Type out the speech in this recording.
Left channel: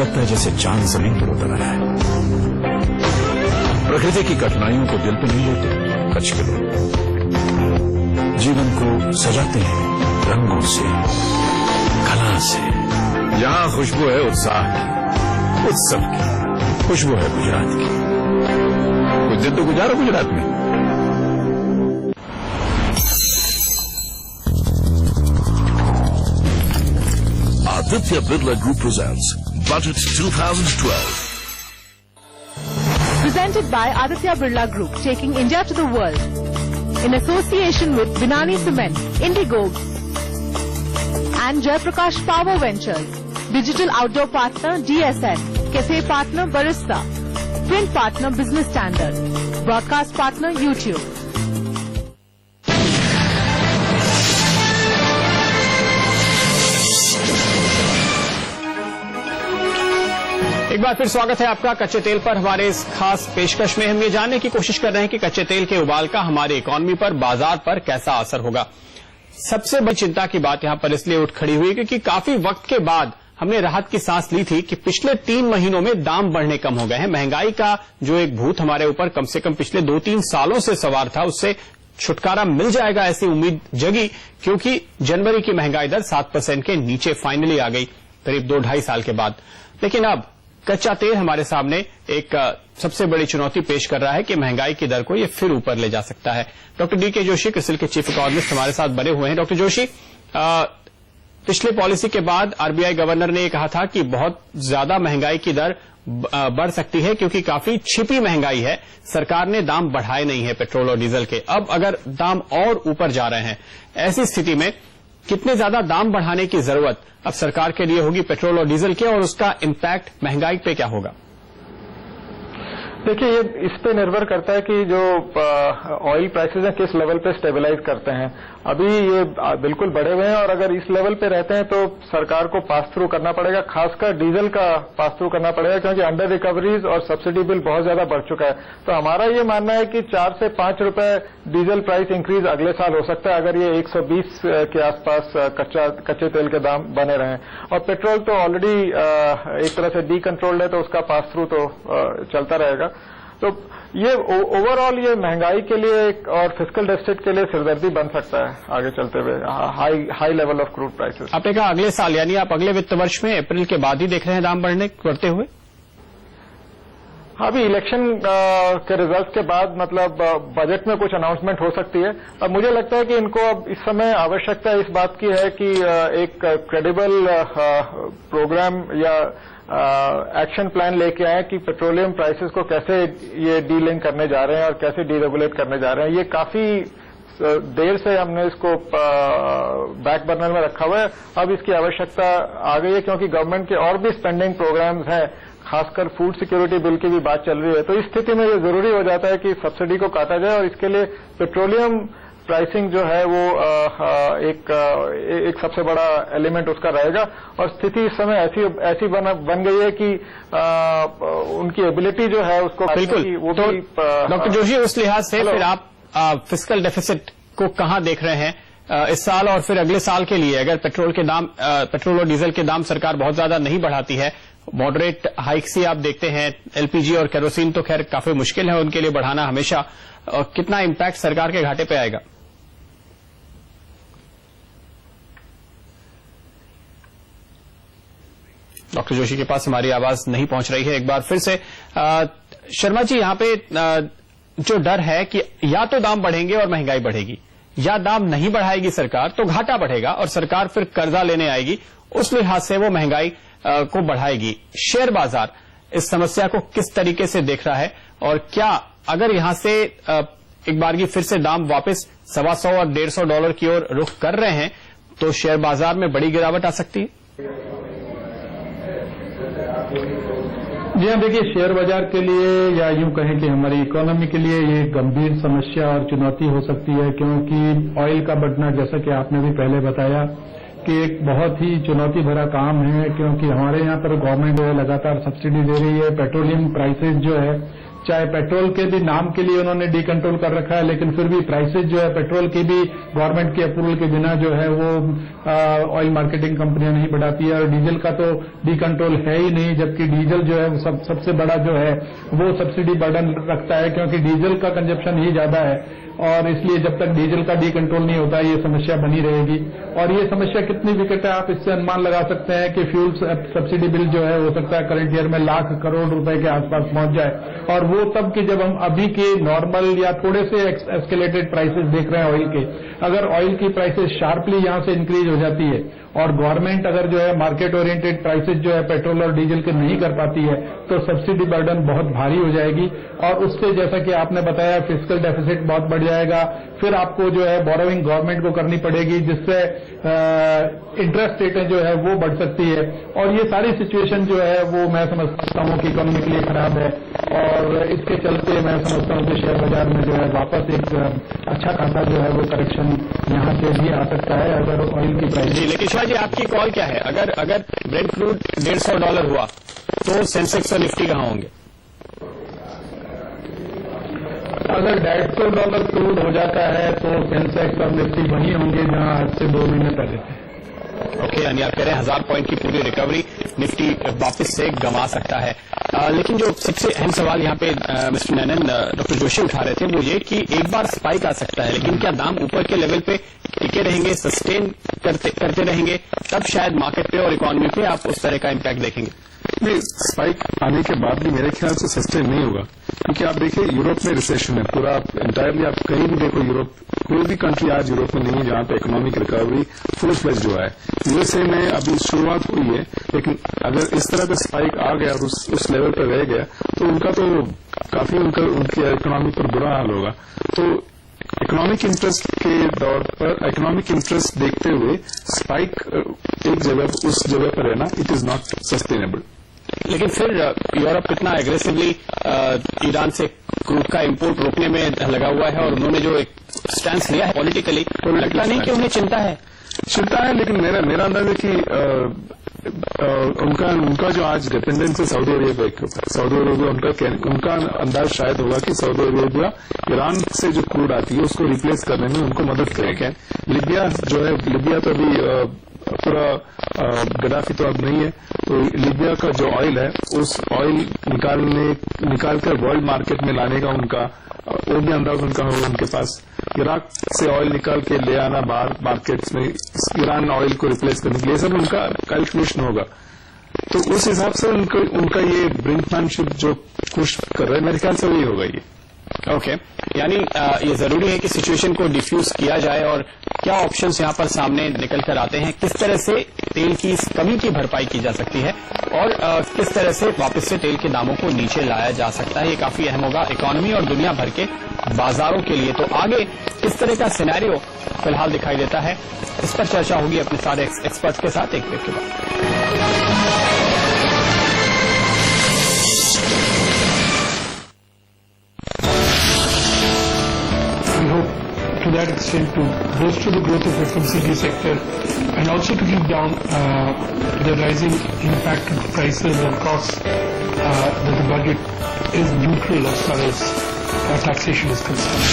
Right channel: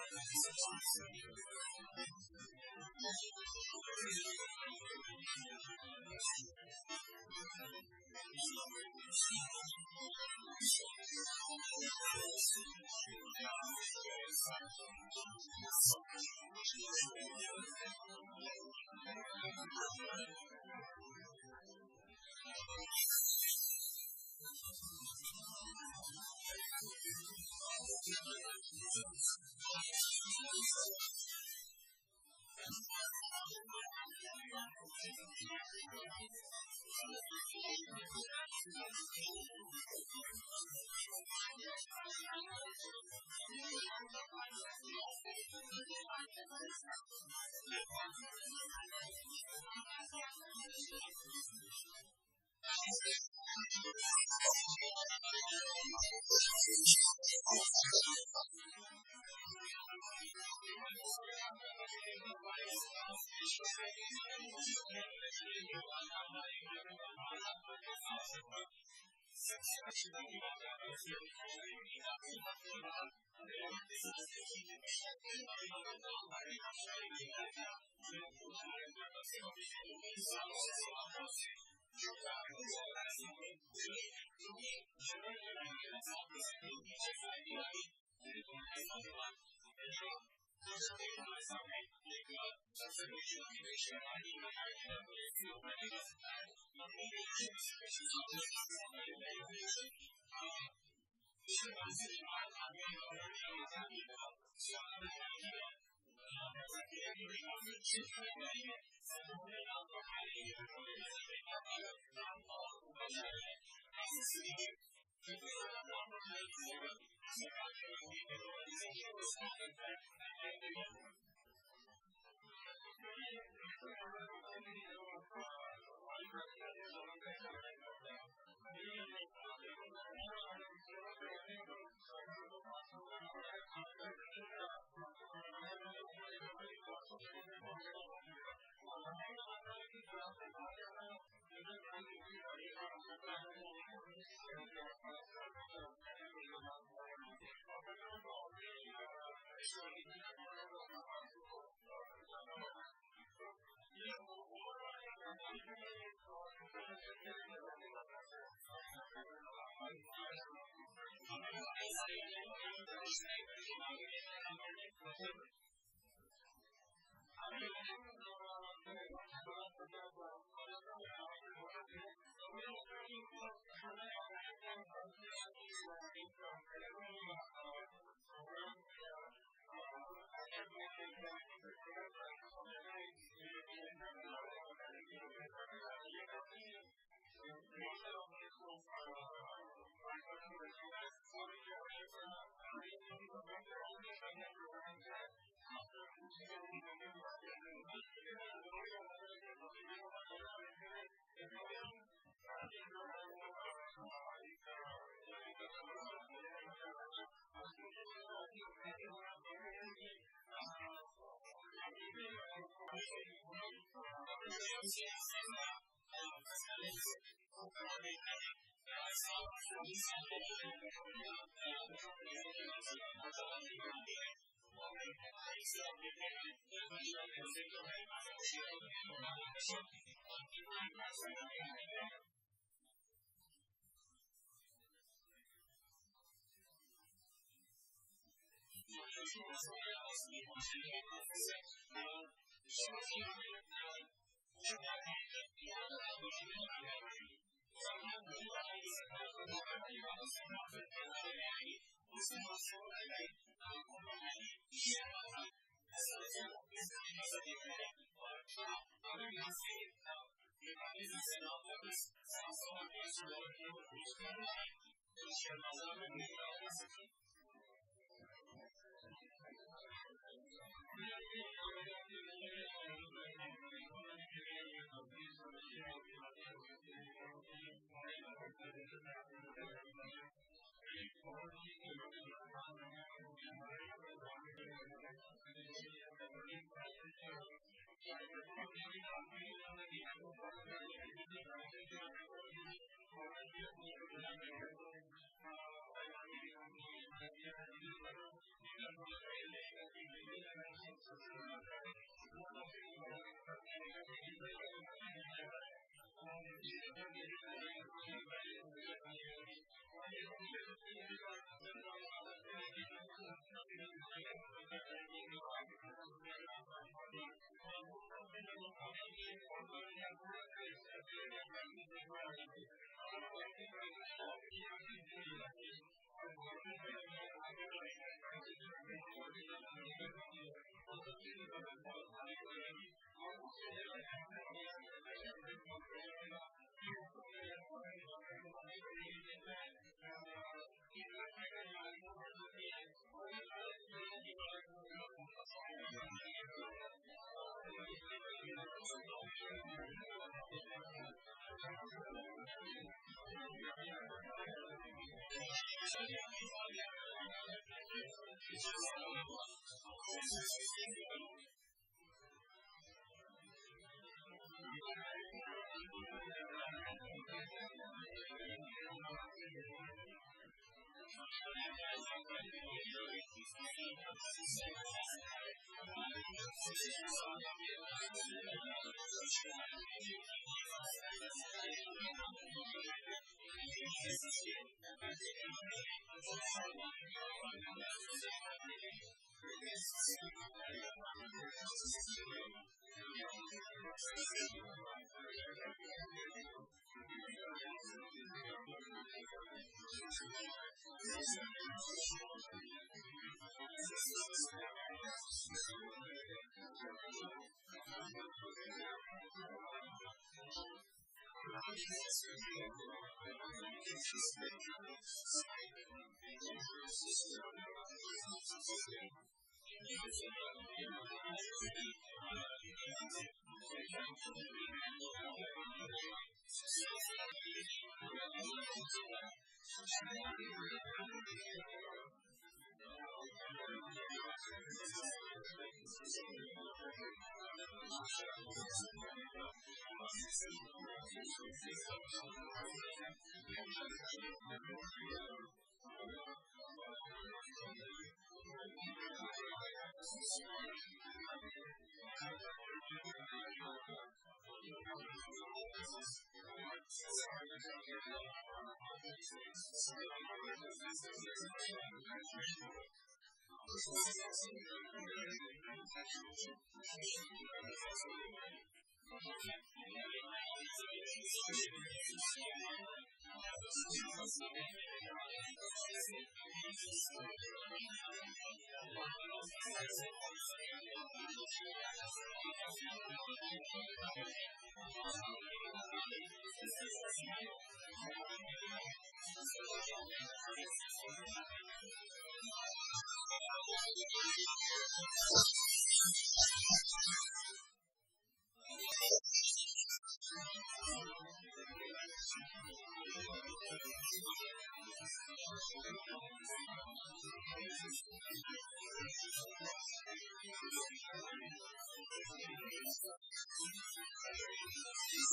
लगता है जैसे चांद जमीन पर उतर आया है। प्रकृति की कठिनाइयों को दिल पे नहीं लेते कच्छ के लोग, जीवन को सजाते हैं रंगों से, कला से। यहां खुशबू है उत्साह की, उत्सव की, खुशबू है गुजरात की। कुछ दिन तो गुजारो गुजरात में। Aditya Birla Group presents Budget 2012. Presented by Aditya Birla Group, taking India to the world. In association with Binani Cement, Indigo, and Jaiprakash Power Ventures. Digital outdoor partner DSN, cafe partner Barista, print partner Business Standard, broadcast partner YouTube. एक बार फिर स्वागत है आपका कच्चे तेल पर। हमारे इस खास पेशकश में हम ये जानने की कोशिश कर रहे हैं कि कच्चे तेल के उबाल का हमारी इकोनॉमी पर, बाजार पर कैसा असर होगा। सबसे बड़ी चिंता की बात यहां पर इसलिए उठ खड़ी हुई क्योंकि काफी वक्त के बाद हमने राहत की सांस ली थी कि पिछले 3 महीनों में दाम बढ़ने कम हो गए हैं। महंगाई का जो एक भूत हमारे ऊपर कम से कम पिछले 2-3 सालों से सवार था, उससे छुटकारा मिल जाएगा ऐसी उम्मीद जगी, क्योंकि जनवरी की महंगाई दर 7% के नीचे फाइनली आ गई करीब 2-2.5 साल के बाद। लेकिन अब कच्चा तेल हमारे सामने एक सबसे बड़ी चुनौती पेश कर रहा है कि महंगाई की दर को ये फिर ऊपर ले जा सकता है। Doctor DK. जोशी क्रिसिल के चीफ इकोनॉमिस्ट हमारे साथ बने हुए हैं। डॉक्टर जोशी, पिछले पॉलिसी के बाद आरबीआई गवर्नर ने ये कहा था कि बहुत ज्यादा महंगाई की दर बढ़ सकती है क्योंकि काफी छिपी महंगाई है, सरकार ने दाम बढ़ाए नहीं है पेट्रोल और डीजल के। अब अगर दाम और ऊपर जा रहे हैं, ऐसी स्थिति में कितने ज्यादा दाम बढ़ाने की जरूरत अब सरकार के लिए होगी पेट्रोल और डीजल के, और उसका इम्पैक्ट महंगाई पे क्या होगा? देखिए, ये इस पे निर्भर करता है कि जो ऑयल प्राइसेस हैं किस लेवल पे स्टेबलाइज करते हैं। अभी ये बिल्कुल बढ़े हुए हैं और अगर इस लेवल पे रहते हैं तो सरकार को पास थ्रू करना पड़ेगा, खासकर डीजल का पास थ्रू करना पड़ेगा क्योंकि अंडर रिकवरीज और सब्सिडी बिल बहुत ज्यादा बढ़ चुका है। तो हमारा ये मानना है कि 4 से 5 रुपए डीजल प्राइस इंक्रीज अगले साल हो सकता है अगर ये 120 के आसपास कच्चे तेल के दाम बने रहें। और पेट्रोल तो ऑलरेडी एक तरह से डीकंट्रोल्ड है तो उसका पास थ्रू तो चलता रहेगा। तो ये ओवरऑल ये महंगाई के लिए और फिस्कल डेफिसिट के लिए सिरदर्दी बन सकता है आगे चलते हुए, high level of crude prices. आपने कहा अगले साल, यानी आप अगले वित्त वर्ष में अप्रैल के बाद ही देख रहे हैं दाम बढ़ते हुए? हाँ, अभी इलेक्शन के रिजल्ट के बाद मतलब बजट में कुछ अनाउंसमेंट हो सकती है। अब मुझे लगता है कि इनको अब इस समय आवश्यकता इस बात की है कि एक क्रेडिबल प्रोग्राम या एक्शन प्लान लेके आए कि पेट्रोलियम प्राइसेस को कैसे ये डीलिंक करने जा रहे हैं और कैसे डीरेगुलेट करने जा रहे हैं। ये काफी देर से हमने इसको बैक बर्नर में रखा हुआ है। अब इसकी आवश्यकता आ गई है क्योंकि गवर्नमेंट के और भी स्पेंडिंग प्रोग्राम्स हैं, खासकर फूड सिक्योरिटी बिल की भी बात चल रही है। तो इस स्थिति में ये जरूरी हो जाता है कि सब्सिडी को काटा जाए और इसके लिए पेट्रोलियम प्राइसिंग जो है वो एक सबसे बड़ा एलिमेंट उसका रहेगा। और स्थिति इस समय ऐसी बन गई है कि उनकी एबिलिटी जो है उसको बिल्कुल वो तो डॉक्टर जोशी, उस लिहाज से फिर आप फिस्कल डेफिसिट को कहां देख रहे हैं इस साल और फिर अगले साल के लिए? अगर पेट्रोल और डीजल के दाम सरकार बहुत ज्यादा नहीं बढ़ाती है, मॉडरेट हाइक्स ही आप देखते हैं, एलपीजी और केरोसिन तो खैर काफी मुश्किल है उनके लिए बढ़ाना हमेशा, कितना इम्पैक्ट सरकार के घाटे पे आएगा? डॉक्टर जोशी के पास हमारी आवाज नहीं पहुंच रही है। एक बार फिर से शर्मा जी, यहां पे जो डर है कि या तो दाम बढ़ेंगे और महंगाई बढ़ेगी, या दाम नहीं बढ़ाएगी सरकार तो घाटा बढ़ेगा और सरकार फिर कर्जा लेने आएगी, उस लिहाज से वो महंगाई को बढ़ाएगी। शेयर बाजार इस समस्या को किस तरीके से देख रहा है और क्या अगर यहां से एक बार की फिर से दाम वापस $125 और $150 की ओर रुख कर रहे हैं तो शेयर बाजार में बड़ी गिरावट आ सकती है? जी हाँ, देखिए, शेयर बाजार के लिए या यूं कहें कि हमारी इकोनॉमी के लिए ये गंभीर समस्या और चुनौती हो सकती है क्योंकि ऑयल का बढ़ना, जैसा कि आपने भी पहले बताया, कि एक बहुत ही चुनौती भरा काम है क्योंकि हमारे यहाँ पर गवर्नमेंट जो है लगातार सब्सिडी दे रही है। पेट्रोलियम प्राइसेस जो है चाहे पेट्रोल के भी नाम के लिए उन्होंने डीकंट्रोल कर रखा है, लेकिन फिर भी प्राइसेज जो है पेट्रोल की भी गवर्नमेंट के अप्रूवल के बिना जो है वो ऑयल मार्केटिंग कंपनियां नहीं बढ़ाती है, और डीजल का तो डीकंट्रोल है ही नहीं, जबकि डीजल जो है सबसे बड़ा जो है वो सब्सिडी बर्डन रखता है, क्योंकि डीजल का कंजप्शन ही ज्यादा है, और इसलिए जब तक डीजल का डीकंट्रोल नहीं होता ये समस्या बनी रहेगी। और ये समस्या कितनी विकट है आप इससे अनुमान लगा सकते हैं कि फ्यूल सब्सिडी बिल जो है हो सकता है करंट ईयर में लाख करोड़ रुपए के आसपास पहुंच जाए, और वो तब कि जब हम अभी के नॉर्मल या थोड़े से एस्केलेटेड प्राइसेस देख रहे हैं ऑयल के। अगर ऑयल की प्राइसेस शार्पली यहां से इंक्रीज हो जाती है और गवर्नमेंट अगर जो है मार्केट ओरिएंटेड प्राइसेस जो है पेट्रोल और डीजल के नहीं कर पाती है तो सब्सिडी बर्डन बहुत भारी हो जाएगी, और उससे जैसा कि आपने बताया फिस्कल डेफिसिट बहुत बढ़ जाएगा। फिर आपको जो है बोरोइंग गवर्नमेंट को करनी पड़ेगी, जिससे इंटरेस्ट रेटें जो है वो बढ़ सकती है, और ये सारी सिचुएशन जो है वो मैं समझता हूं कि इकोनॉमी के लिए खराब है, और इसके चलते मैं समझता हूं कि शेयर बाजार में जो है वापस एक अच्छा खासा जो है वो करेक्शन यहां से भी आ सकता है अगर ऑयल की प्राइस। जी, लेकिन शिवा जी आपकी कॉल क्या है? अगर ब्रेंट क्रूड $150 हुआ तो सेंसेक्स और निफ्टी कहां होंगे? अगर $150 क्रूड हो जाता है तो सेंसेक्स और निफ्टी वहीं होंगे जहां आज से 2 महीने पहले थे। ओके, यानी आप कह रहे हैं 1000 पॉइंट की पूरी रिकवरी निफ्टी वापस से गंवा सकता है। लेकिन जो सबसे अहम सवाल यहाँ पे मिस्टर नैनन डॉक्टर जोशी उठा रहे थे वो ये कि एक बार स्पाइक आ सकता है, लेकिन क्या दाम ऊपर के लेवल पे टिके रहेंगे, सस्टेन करते रहेंगे, तब शायद मार्केट पे और इकोनॉमी पे आप उस तरह का इम्पैक्ट देखेंगे? नहीं, स्पाइक आने के बाद भी मेरे ख्याल से सस्टेन नहीं होगा, क्योंकि आप देखिए यूरोप में रिसेशन है पूरा इंटायरली। आप कहीं भी देखो यूरोप, कोई भी कंट्री आज यूरोप में नहीं है जहां पे इकोनॉमिक रिकवरी फुल फ्लेज जो है। यूएसए में अभी शुरुआत हुई है, लेकिन अगर इस तरह का स्पाइक आ गया और उस लेवल पर रह गया तो उनका तो काफी उनकी इकोनॉमी पर बुरा हाल होगा। तो इकोनॉमिक इंटरेस्ट के दौर पर इकोनॉमिक इंटरेस्ट देखते हुए स्पाइक एक जगह उस जगह पर रहना इट इज नॉट सस्टेनेबल। लेकिन फिर यूरोप इतना एग्रेसिवली ईरान से क्रूड का इंपोर्ट रोकने में लगा हुआ है, और उन्होंने जो एक स्टैंड लिया है पॉलिटिकली, तो लगता नहीं कि उन्हें चिंता है। लेकिन मेरा अंदाज है कि उनका जो आज डिपेंडेंस है सऊदी अरेबिया उनका अंदाज शायद होगा कि सऊदी अरेबिया ईरान से जो क्रूड आती है उसको रिप्लेस करने में उनको मदद करेगा। लिबिया जो है, लिबिया तो अभी पूरा गद्दाफी तो अब नहीं है, तो लिबिया का जो ऑयल है उस ऑयल निकालकर वर्ल्ड मार्केट में लाने का उनका वो भी अंदाज उनका होगा उनके पास। इराक से ऑयल निकाल के ले आना बाहर मार्केट्स में ईरान ऑयल को रिप्लेस करने के लिए सब उनका कैलकुलेशन होगा। तो उस हिसाब से उनका ये ब्रिंकमैनशिप जो पुश कर रहे हैं मेरे ख्याल से वही होगा ये। ओके, यानी ये जरूरी है कि सिचुएशन को डिफ्यूज किया जाए, और क्या ऑप्शंस यहाँ पर सामने निकल कर आते हैं, किस तरह से तेल की इस कमी की भरपाई की जा सकती है, और किस तरह से वापस से तेल के दामों को नीचे लाया जा सकता है, ये काफी अहम होगा इकोनॉमी और दुनिया भर के बाजारों के लिए। तो आगे किस तरह का सिनेरियो फिलहाल दिखाई देता है, इस पर चर्चा होगी अपने सारे एक्सपर्ट्स के साथ एक ब्रेक के बाद। To that extent to bolster the growth of FMCG sector and also to keep down the rising impact of prices and costs that the budget is neutral as far as taxation is concerned.